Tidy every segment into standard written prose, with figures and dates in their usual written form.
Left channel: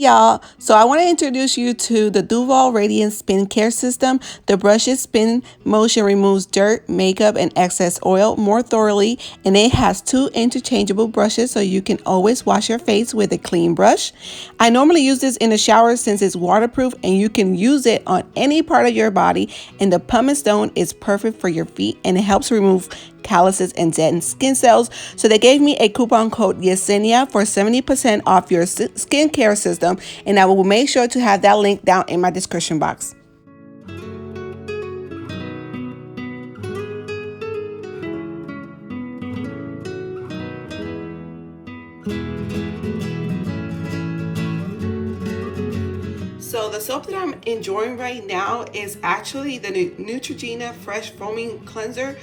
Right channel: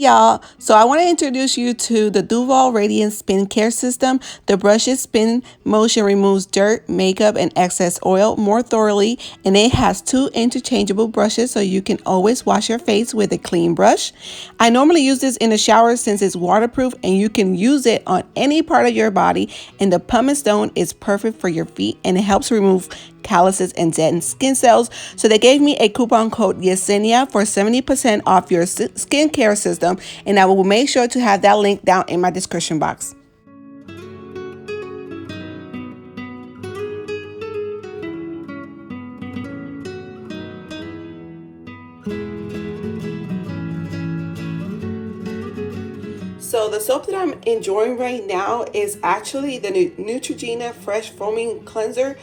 Y'all, so I want to introduce you to the Duval Radiance Spin Care System. The brush's spin motion removes dirt, makeup, and excess oil more thoroughly, and it has two interchangeable brushes so you can always wash your face with a clean brush. I normally use this in the shower since it's waterproof and you can use it on any part of your body, and the pumice stone is perfect for your feet and it helps remove calluses and dead skin cells. So they gave me a coupon code Yesenia for 70% off your skincare system, and I will make sure to have that link down in my description box. So the soap that I'm enjoying right now is actually the Neutrogena Fresh Foaming Cleanser.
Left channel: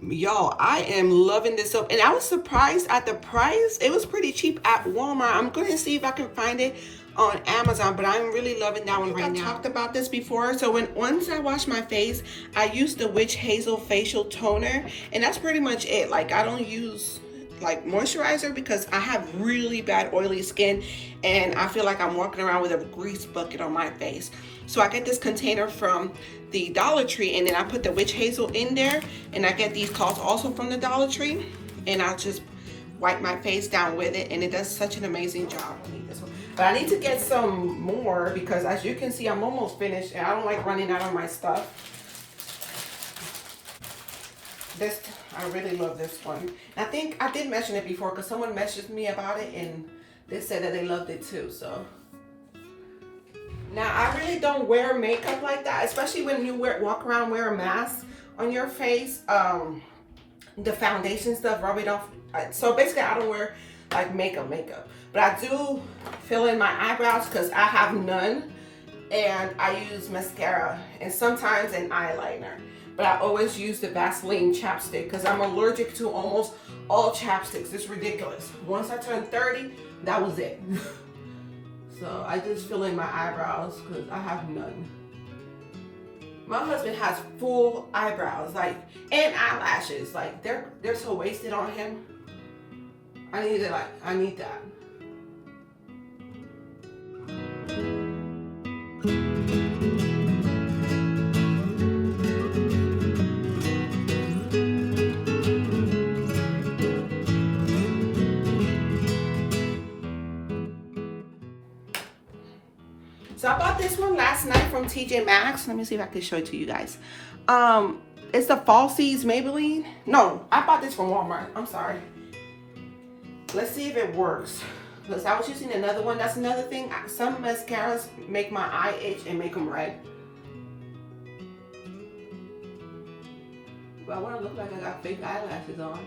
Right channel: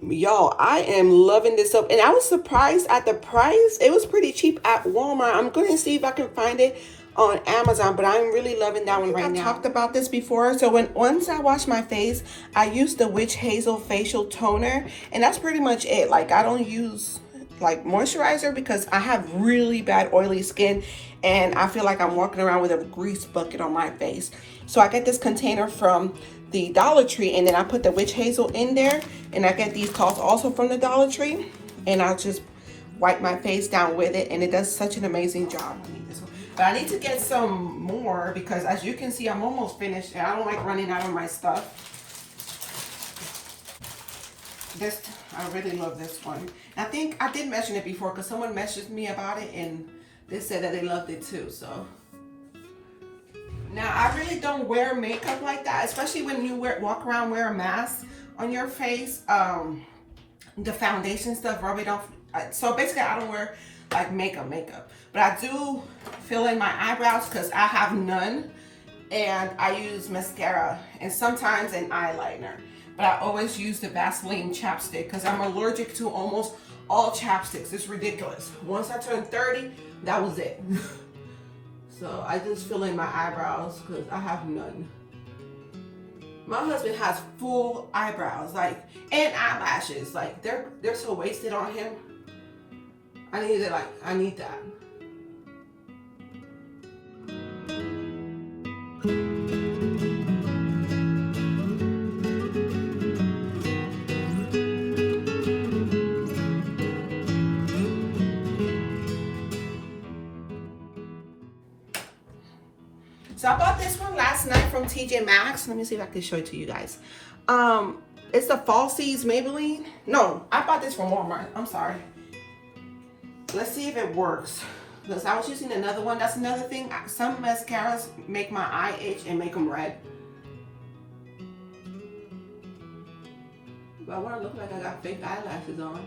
Y'all, I am loving this soap, and I was surprised at the price. It was pretty cheap at Walmart. I'm going to see if I can find it on Amazon, but I'm really loving that one right now. I've talked about this before. So once I wash my face, I use the Witch Hazel facial toner, and that's pretty much it. Like, I don't use like moisturizer because I have really bad oily skin and I feel like I'm walking around with a grease bucket on my face. So I get this container from the Dollar Tree, and then I put the Witch Hazel in there, and I get these cloths also from the Dollar Tree, and I'll just wipe my face down with it, and it does such an amazing job. But I need to get some more because, as you can see, I'm almost finished and I don't like running out of my stuff. This, I really love this one. I think I did mention it before because someone messaged me about it and they said that they loved it too. So now I really don't wear makeup like that, especially when you walk around wear a mask on your face. The foundation stuff, rub it off. So basically I don't wear like makeup, but I do fill in my eyebrows because I have none, and I use mascara and sometimes an eyeliner. But I always use the Vaseline chapstick because I'm allergic to almost all chapsticks. It's ridiculous. Once I turned 30, that was it. So I just fill in my eyebrows because I have none. My husband has full eyebrows, like, and eyelashes. Like, they're so wasted on him. I need that. So I bought this one last night from TJ Maxx. Let me see if I can show it to you guys. It's the Falsies Maybelline. No, I bought this from Walmart. I'm sorry. Let's see if it works. Because I was using another one. That's another thing. Some mascaras make my eye itch and make them red. But I want to look like I got fake eyelashes on.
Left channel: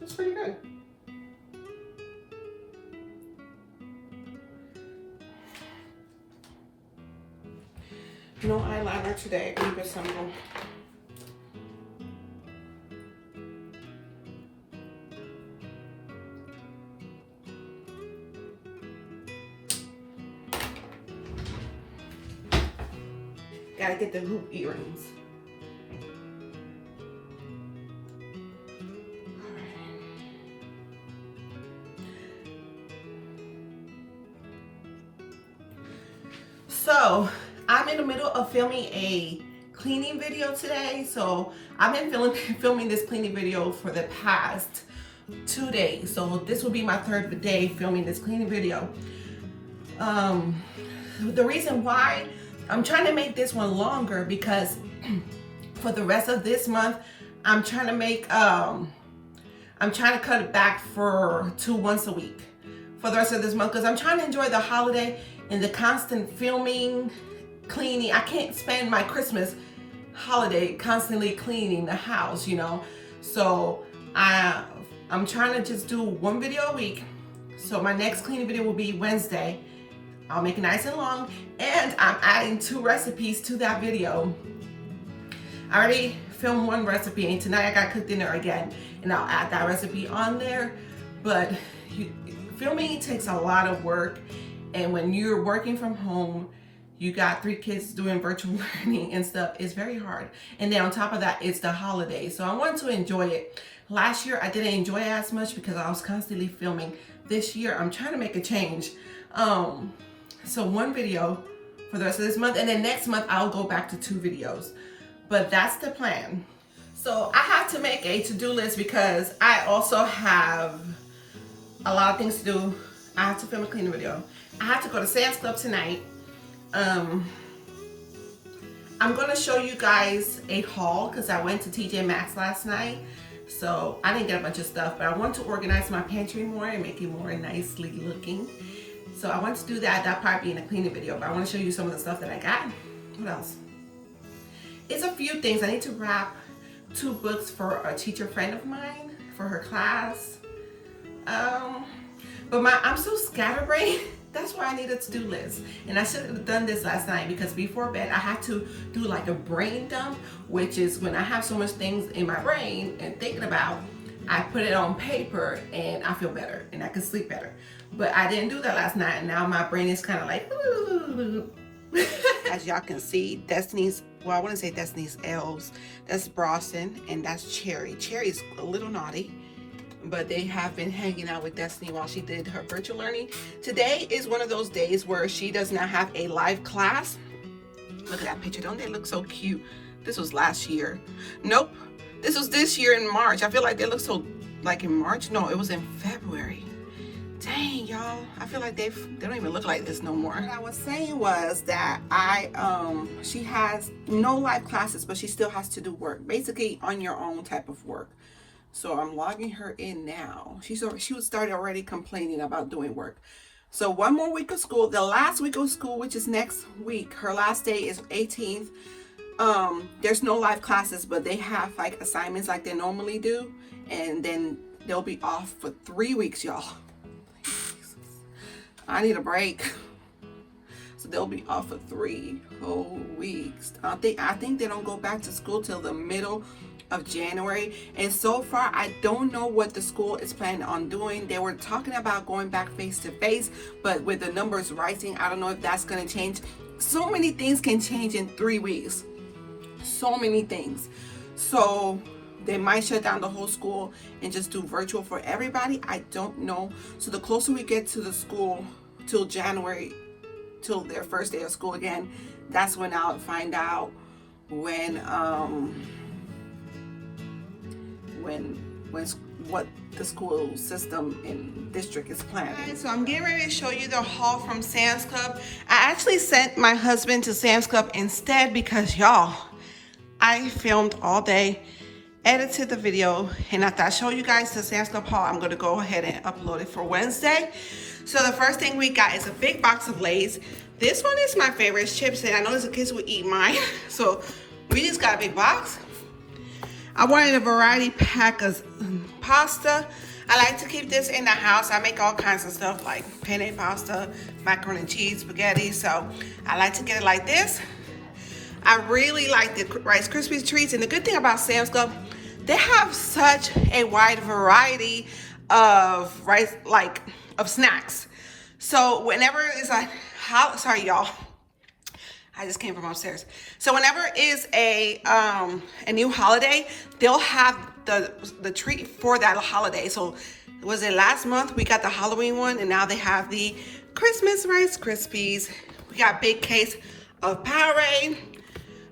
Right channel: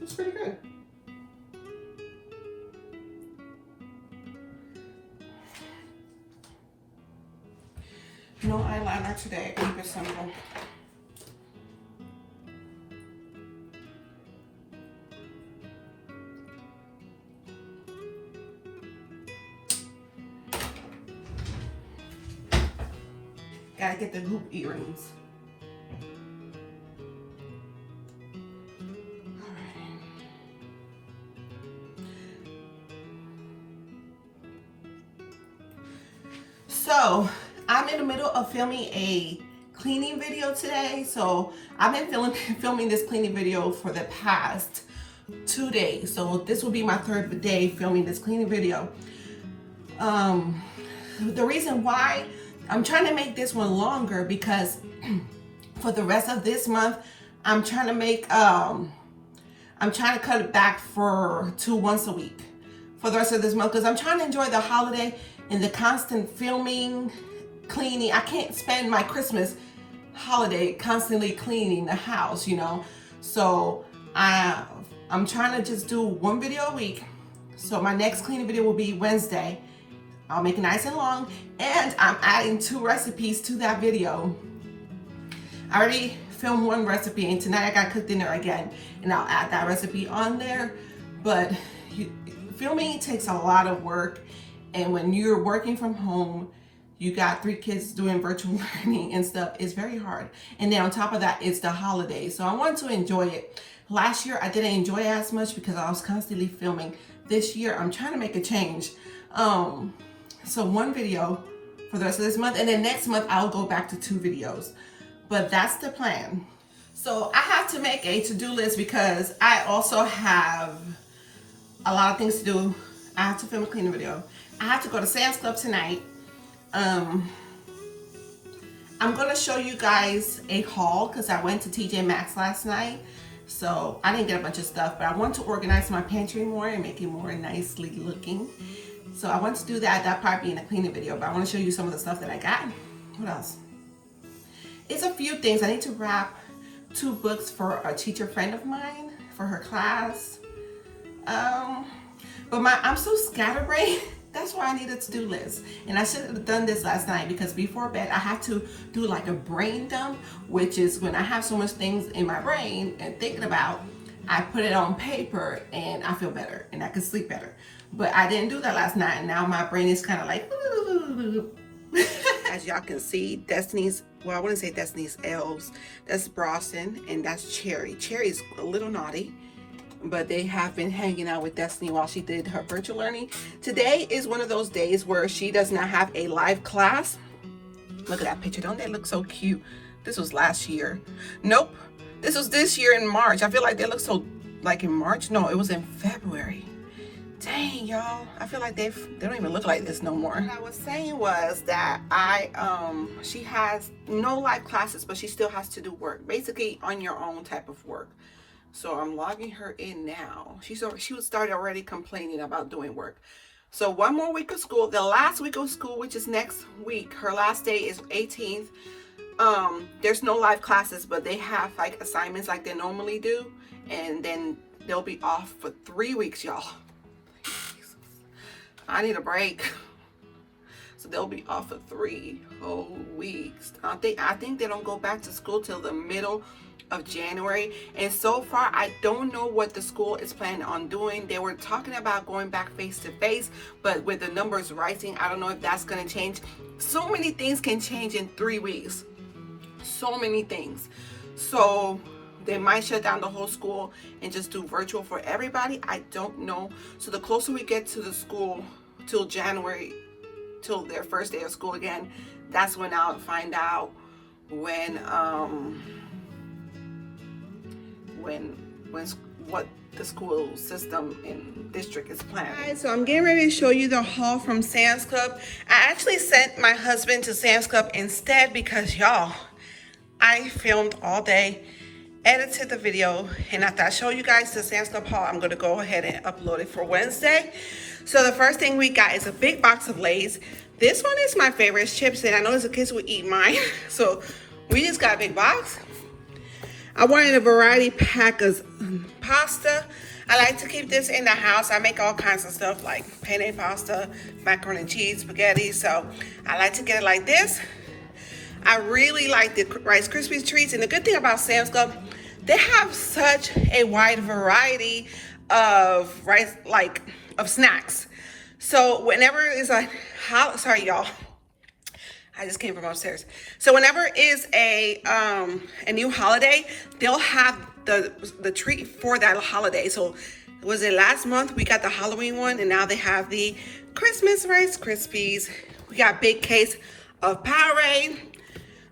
It's pretty good. No eyeliner today. Keep it simple. Gotta get the hoop earrings. So I'm in the middle of filming a cleaning video today. So I've been filming this cleaning video for the past 2 days. So this will be my third day filming this cleaning video. The reason why I'm trying to make this one longer because for the rest of this month, I'm trying to cut it back to once a week for the rest of this month because I'm trying to enjoy the holiday and the constant filming, cleaning. I can't spend my Christmas holiday constantly cleaning the house, you know. So I'm trying to just do one video a week. So my next cleaning video will be Wednesday. I'll make it nice and long, and I'm adding 2 recipes to that video. I already filmed 1 recipe, and tonight I got cooked dinner again, and I'll add that recipe on there. But filming takes a lot of work, and when you're working from home, you got 3 kids doing virtual learning and stuff, it's very hard. And then on top of that, it's the holidays, so I want to enjoy it. Last year I didn't enjoy it as much because I was constantly filming. This year I'm trying to make a change. So 1 video for the rest of this month, and then next month I'll go back to 2 videos. But that's the plan. So I have to make a to-do list because I also have a lot of things to do. I have to film a cleaning video. I have to go to Sam's Club tonight. I'm gonna show you guys a haul because I went to TJ Maxx last night. So I didn't get a bunch of stuff, but I want to organize my pantry more and make it more nicely looking. So I want to do that. That'll probably be in a cleaning video, but I want to show you some of the stuff that I got. What else? It's a few things. I need to wrap 2 books for a teacher friend of mine for her class. But I'm so scatterbrained. That's why I need a to-do list. And I should have done this last night because before bed I have to do like a brain dump, which is when I have so much things in my brain and thinking about, I put it on paper and I feel better and I can sleep better. But I didn't do that last night, and now my brain is kind of like, as y'all can see, Destiny's, well, I wouldn't say Destiny's elves. That's Bronson and that's Cherry. Cherry's a little naughty, but they have been hanging out with Destiny while she did her virtual learning. Today is one of those days where she does not have a live class. Look at that picture. Don't they look so cute? This was last year. Nope. This was this year in March. I feel like they look so, like in March? No, it was in February. Dang, y'all. I feel like they don't even look like this no more. What I was saying was that she has no live classes, but she still has to do work. Basically on your own type of work. So I'm logging her in now. She was started already complaining about doing work. So 1 more week of school. The last week of school, which is next week. Her last day is 18th. There's no live classes, but they have like assignments like they normally do. And then they'll be off for 3 weeks, y'all. I need a break. So they'll be off for 3 whole weeks. I think they don't go back to school till the middle of January, and so far I don't know what the school is planning on doing. They were talking about going back face to face, but with the numbers rising, I don't know if that's going to change. So many things can change in 3 weeks. So many things. So they might shut down the whole school and just do virtual for everybody. I don't know. So the closer we get to the school till January, till their first day of school again, that's when I'll find out what the school system in district is planning. Alright, so I'm getting ready to show you the haul from Sam's Club. I actually sent my husband to Sam's Club instead because y'all, I filmed all day, edited the video, and after I show you guys the Sam's Club haul, I'm gonna go ahead and upload it for Wednesday. So the first thing we got is a big box of Lay's. This one is my favorite, chips, and I know the kids would eat mine. So we just got a big box. I wanted a variety pack of pasta. I like to keep this in the house. I make all kinds of stuff like penne pasta, macaroni and cheese, spaghetti. So I like to get it like this. I really like the Rice Krispies treats. And the good thing about Sam's Club, they have such a wide variety of of snacks. So whenever it's like, sorry y'all, I just came from upstairs. So whenever is a new holiday, they'll have the treat for that holiday. So was it last month we got the Halloween one, and now they have the Christmas Rice Krispies. We got a big case of Powerade,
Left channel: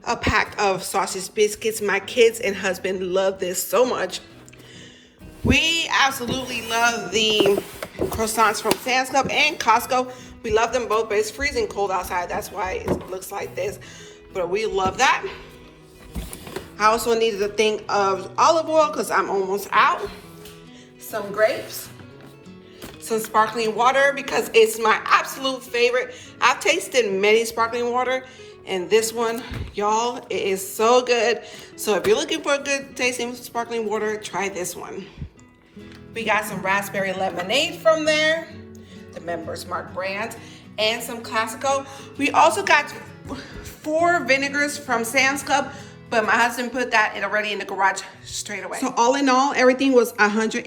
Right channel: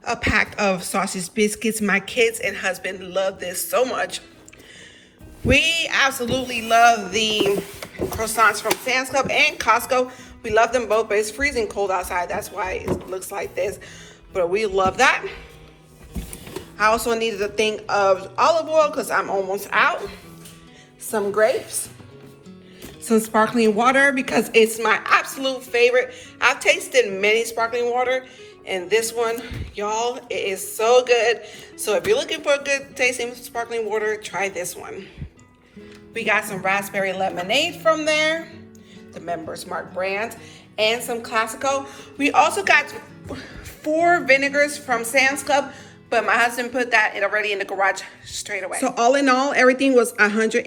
a pack of sausage biscuits. My kids and husband love this so much. We absolutely love the croissants from Sam's Club and Costco. We love them both, but it's freezing cold outside. That's why it looks like this. But we love that. I also needed a thing of olive oil because I'm almost out. Some grapes. Some sparkling water because it's my absolute favorite. I've tasted many sparkling water, and this one, y'all, it is so good. So if you're looking for a good tasting sparkling water, try this one. We got some raspberry lemonade from there, the Members Mark brand. and some classical. We also got 4 vinegars from Sam's Club, but my husband put that already in the garage straight away. So all in all, everything was $120.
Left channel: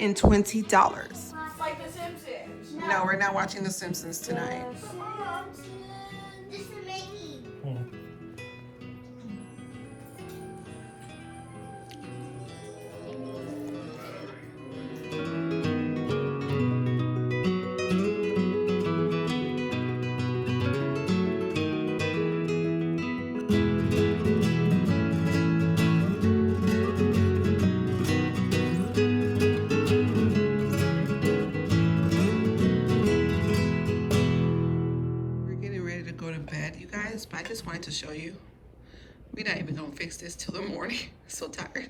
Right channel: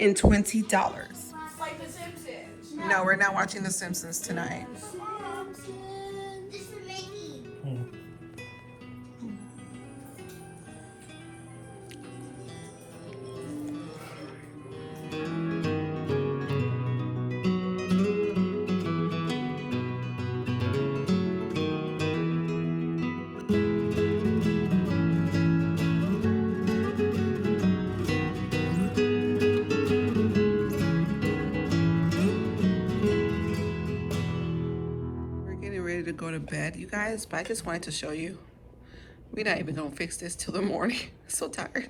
Like The Simpsons. No, we're not watching The Simpsons tonight. Mom, this is Mickey. Go to bed, you guys, but I just wanted to show you. We're not even gonna fix this till the morning. So tired.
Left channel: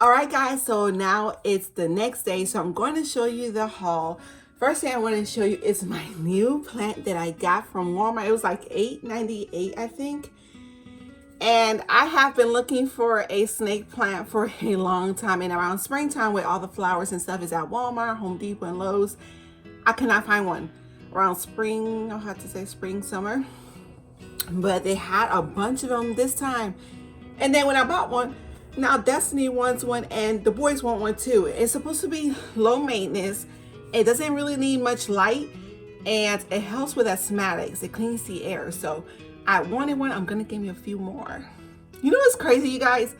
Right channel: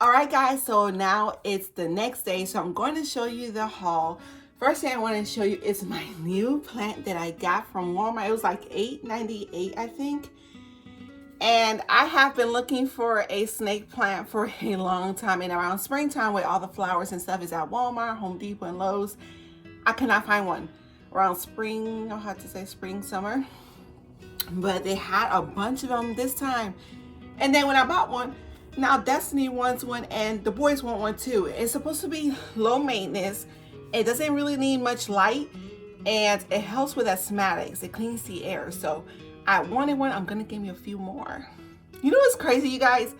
All right, guys, so now it's the next day, so I'm going to show you the haul. First thing I want to show you is my new plant that I got from Walmart. It was like $8.98, I think. And I have been looking for a snake plant for a long time, and around springtime with all the flowers and stuff is at Walmart, Home Depot, and Lowe's. I could not find one. Around spring, I'll have to say spring, summer, but they had a bunch of them this time. And then when I bought one, now Destiny wants one and the boys want one too. It's supposed to be low maintenance. It doesn't really need much light, and it helps with asthmatics. It cleans the air. So I wanted one. I'm gonna give me a few more. You know what's crazy, you guys?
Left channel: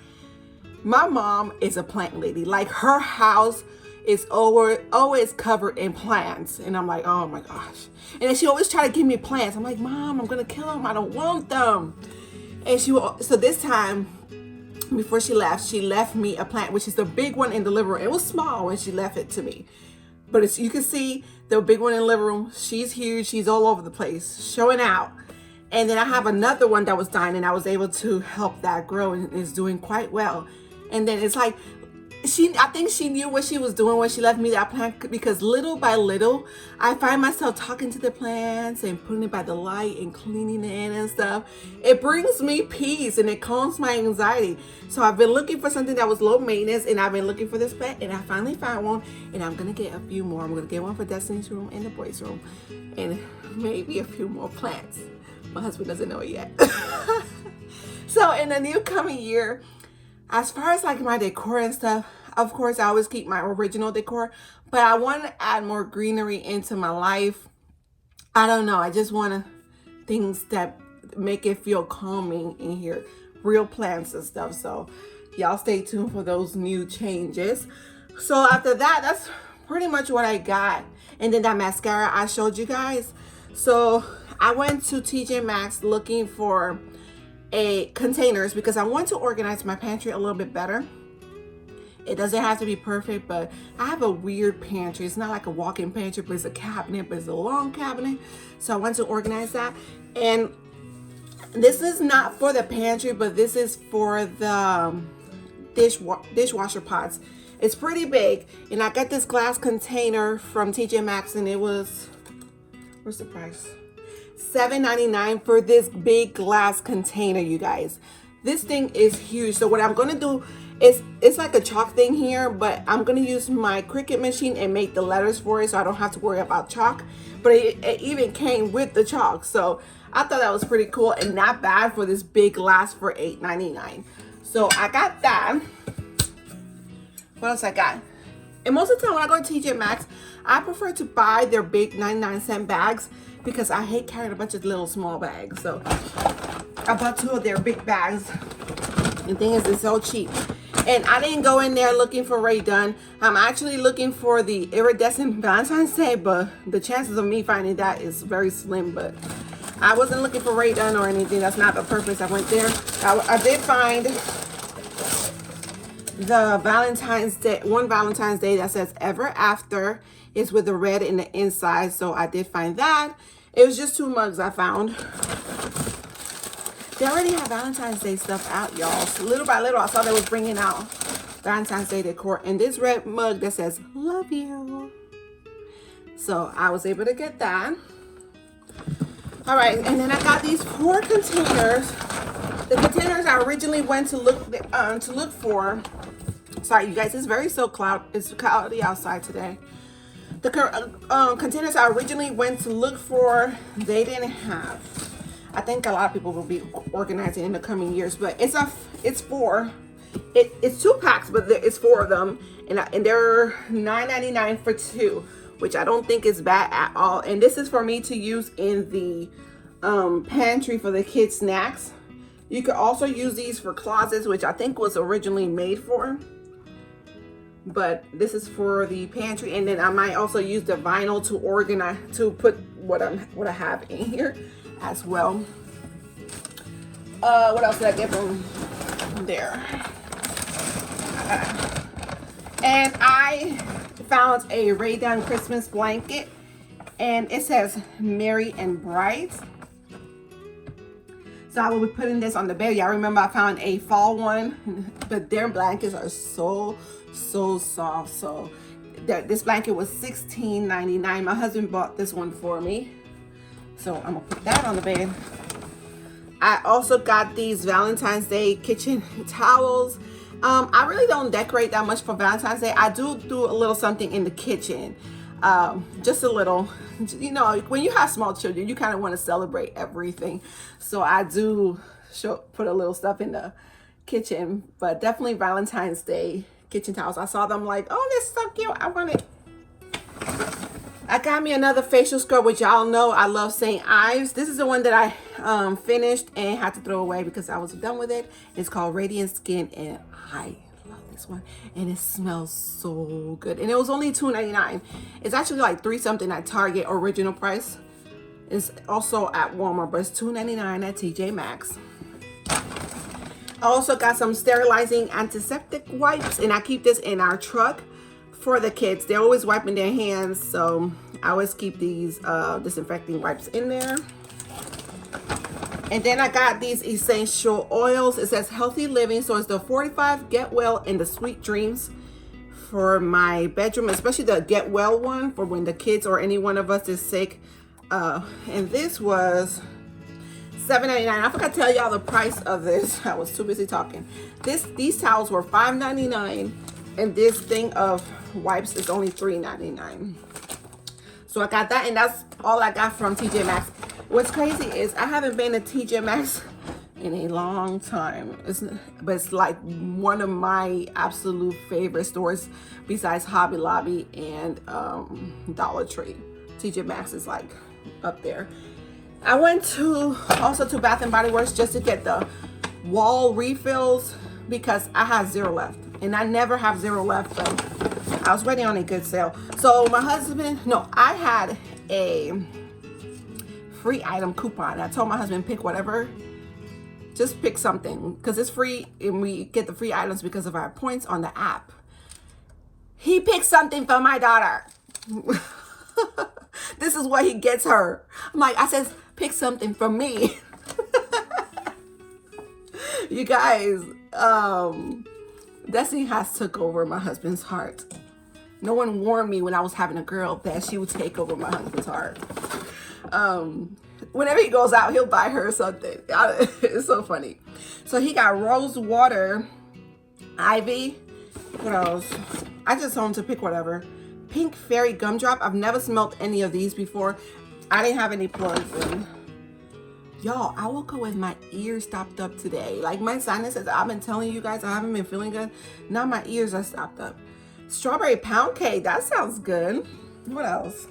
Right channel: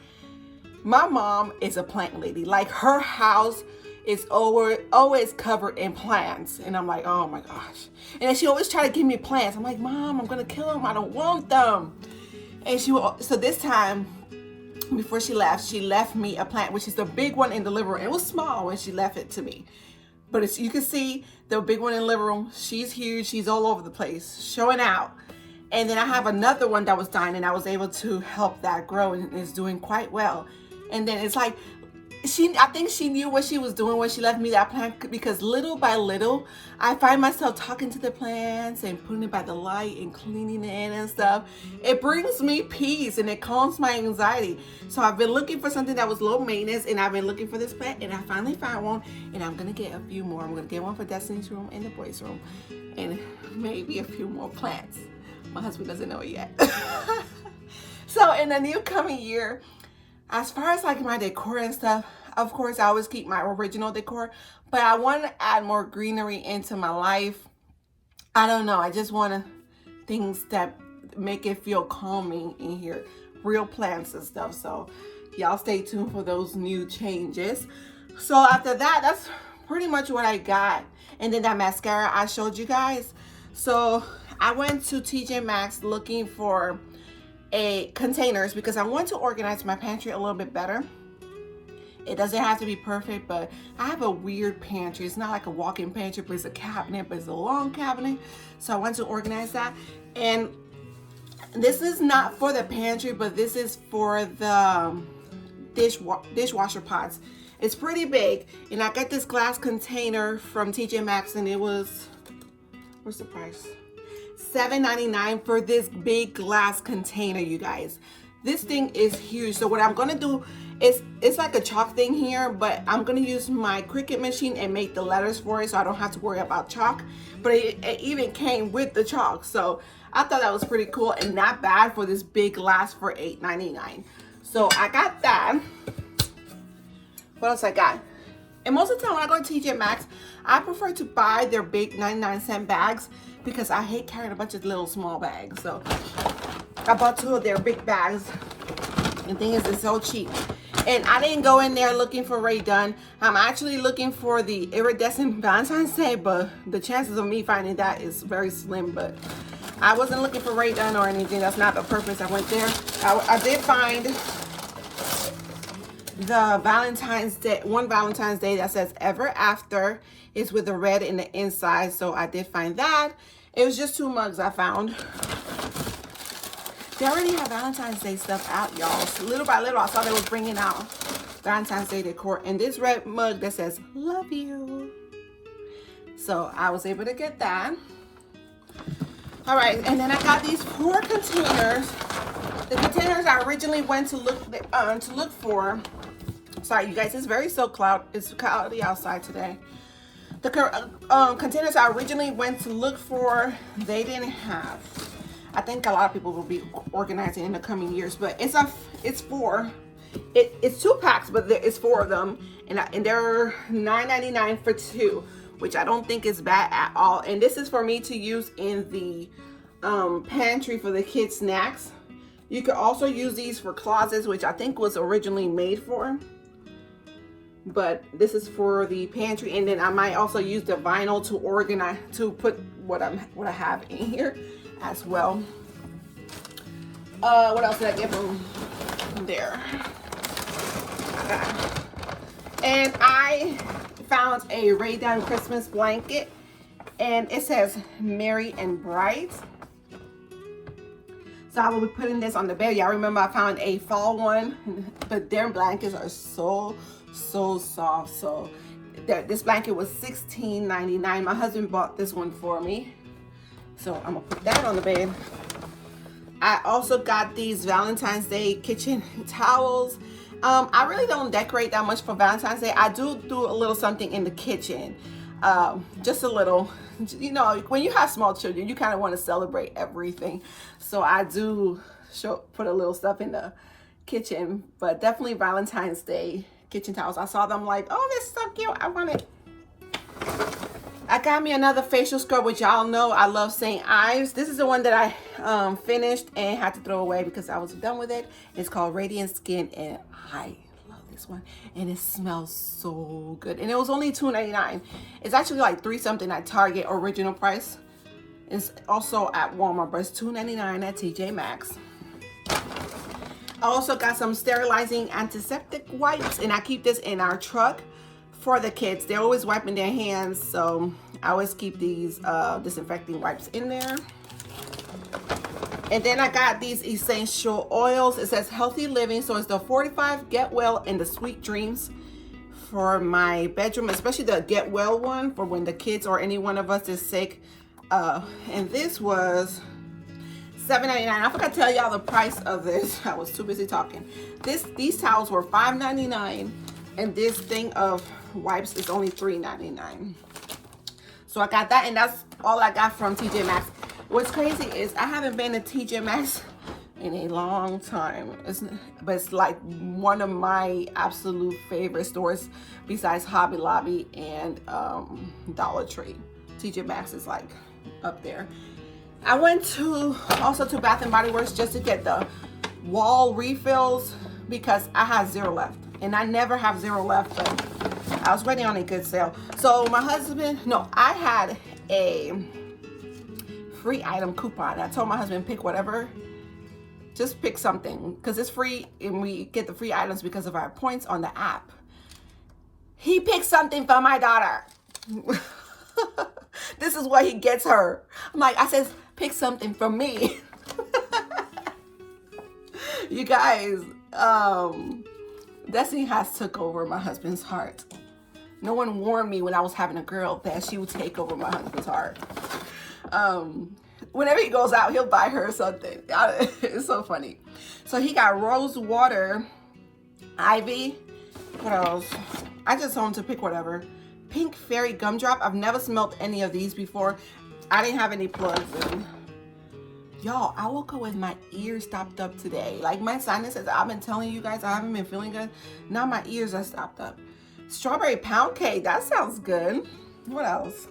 My mom is a plant lady. Like, her house is always covered in plants, and I'm like, oh my gosh. And then she always try to give me plants. I'm like, Mom, I'm gonna kill them. I don't want them. And so this time, before she left me a plant, which is the big one in the living room. It was small when she left it to me, but as you can see, the big one in the living room, she's huge. She's all over the place, showing out. And then I have another one that was dying, and I was able to help that grow, and it's doing quite well. And then it's like, I think she knew what she was doing when she left me that plant, because little by little, I find myself talking to the plants and putting it by the light and cleaning it and stuff. It brings me peace and it calms my anxiety. So I've been looking for something that was low maintenance, and I've been looking for this plant, and I finally found one, and I'm gonna get a few more. I'm gonna get one for Destiny's room and the boys' room, and maybe a few more plants. My husband doesn't know it yet. So in the new coming year, as far as like my decor and stuff, of course, I always keep my original decor, but I want to add more greenery into my life. I don't know. I just want things that make it feel calming in here. Real plants and stuff. So y'all stay tuned for those new changes. So after that, that's pretty much what I got. And then that mascara I showed you guys. So I went to TJ Maxx looking for containers because I want to organize my pantry a little bit better. It doesn't have to be perfect, but I have a weird pantry. It's not like a walk-in pantry, but it's a cabinet, but it's a long cabinet. So I want to organize that. And this is not for the pantry, but this is for the dishwasher pots. It's pretty big, and I got this glass container from TJ Maxx, and it was, where's the price? $7.99 for this big glass container, you guys. This thing is huge. So what I'm gonna do is, it's like a chalk thing here, but I'm gonna use my Cricut machine and make the letters for it, so I don't have to worry about chalk. But it even came with the chalk, so I thought that was pretty cool and not bad for this big glass for $8.99. So I got that. What else I got? And most of the time when I go to TJ Maxx, I prefer to buy their big 99-cent bags because I hate carrying a bunch of little small bags. So I bought 2 of their big bags. The thing is, it's so cheap. And I didn't go in there looking for Ray Dunn. I'm actually looking for the iridescent Valentine's Day, but the chances of me finding that is very slim. But I wasn't looking for Ray Dunn or anything. That's not the purpose I went there. I did find the Valentine's Day, one Valentine's Day that says Ever After. Is with the red in the inside, so I did find that. It was just 2 mugs I found. They already have Valentine's Day stuff out, y'all. So little by little, I saw they was bringing out Valentine's Day decor. And this red mug that says, love you. So I was able to get that. All right, and then I got these 4 containers. The containers I originally went to look for. Sorry, you guys, it's very it's cloudy outside today. The containers I originally went to look for, they didn't have. I think a lot of people will be organizing in the coming years, but it's 4. It's 2 packs, but it's 4 of them, and they're $9.99 for 2, which I don't think is bad at all. And this is for me to use in the pantry for the kids' snacks. You could also use these for closets, which I think was originally made for. But this is for the pantry, and then I might also use the vinyl to organize, to put what I have in here as well. What else did I get from there? And I found a Radiance Christmas blanket, and it says Merry and Bright. So I will be putting this on the bed. Y'all remember I found a fall one, but their blankets are so soft. So this blanket was $16.99. My husband bought this one for me, so I'm gonna put that on the bed. I also got these Valentine's Day kitchen towels. I really don't decorate that much for Valentine's Day. I do a little something in the kitchen, just a little. You know, when you have small children, you kind of want to celebrate everything. So I do put a little stuff in the kitchen, but definitely Valentine's Day kitchen towels. I saw them like, oh, that's so cute. I want it. I got me another facial scrub, which y'all know I love St. Ives. This is the one that I finished and had to throw away because I was done with it. It's called Radiant Skin, and I love this one, and it smells so good. And it was only $2.99. It's actually like $3 something at Target original price. It's also at Walmart, but it's $2.99 at TJ Maxx. I also got some sterilizing antiseptic wipes, and I keep this in our truck for the kids. They're always wiping their hands, so I always keep these disinfecting wipes in there. And then I got these essential oils. It says healthy living, so it's the 45 Get Well and the Sweet Dreams for my bedroom, especially the Get Well one for when the kids or any one of us is sick. And this was $7.99. I forgot to tell y'all the price of this. I was too busy talking. These towels were $5.99, and this thing of wipes is only $3.99. So I got that, and that's all I got from TJ Maxx. What's crazy is I haven't been to TJ Maxx in a long time. But it's like one of my absolute favorite stores besides Hobby Lobby and Dollar Tree. TJ Maxx is like up there. I went also to Bath and Body Works just to get the wall refills because I had 0 left, and I never have 0 left, but I was waiting on a good sale. So I had a free item coupon. I told my husband, pick whatever, just pick something because it's free, and we get the free items because of our points on the app. He picked something for my daughter. This is what he gets her. I says, pick something for me. You guys, Destiny has took over my husband's heart. No one warned me when I was having a girl that she would take over my husband's heart. Whenever he goes out, he'll buy her something. It's so funny. So he got rose water, ivy. What else? I just told him to pick whatever. Pink fairy gumdrop. I've never smelled any of these before. I didn't have any plugs in. Y'all, I woke up with my ears stopped up today. Like my sinuses, I've been telling you guys I haven't been feeling good. Now my ears are stopped up. Strawberry pound cake. That sounds good. What else?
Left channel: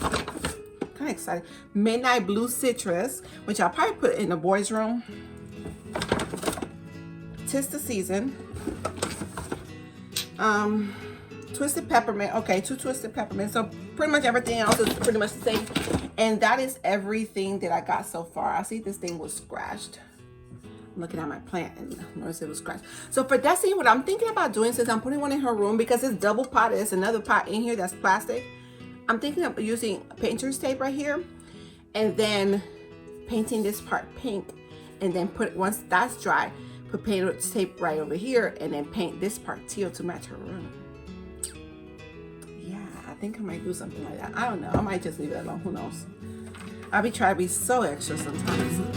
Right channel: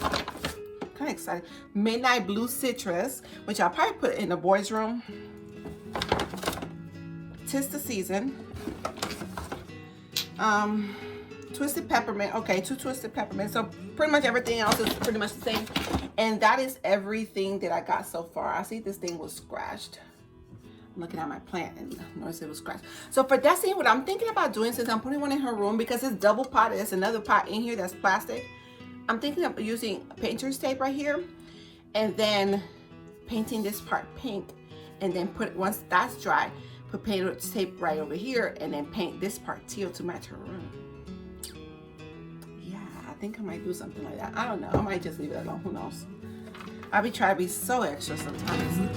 Kind of excited. Midnight blue citrus, which I'll probably put in the boys' room. 'Tis the season. Twisted peppermint. Okay, 2 twisted peppermint. So pretty much everything else is pretty much the same. And that is everything that I got so far. I see this thing was scratched. I'm looking at my plant and notice it was scratched. So for Destiny, what I'm thinking about doing, since I'm putting one in her room, because it's double potted, there's another pot in here that's plastic. I'm thinking of using painter's tape right here and then painting this part pink, and then once that's dry, put painter's tape right over here and then paint this part teal to match her room. Yeah, I think I might do something like that. I don't know. I might just leave it alone. Who knows? I'll be trying to be so extra sometimes.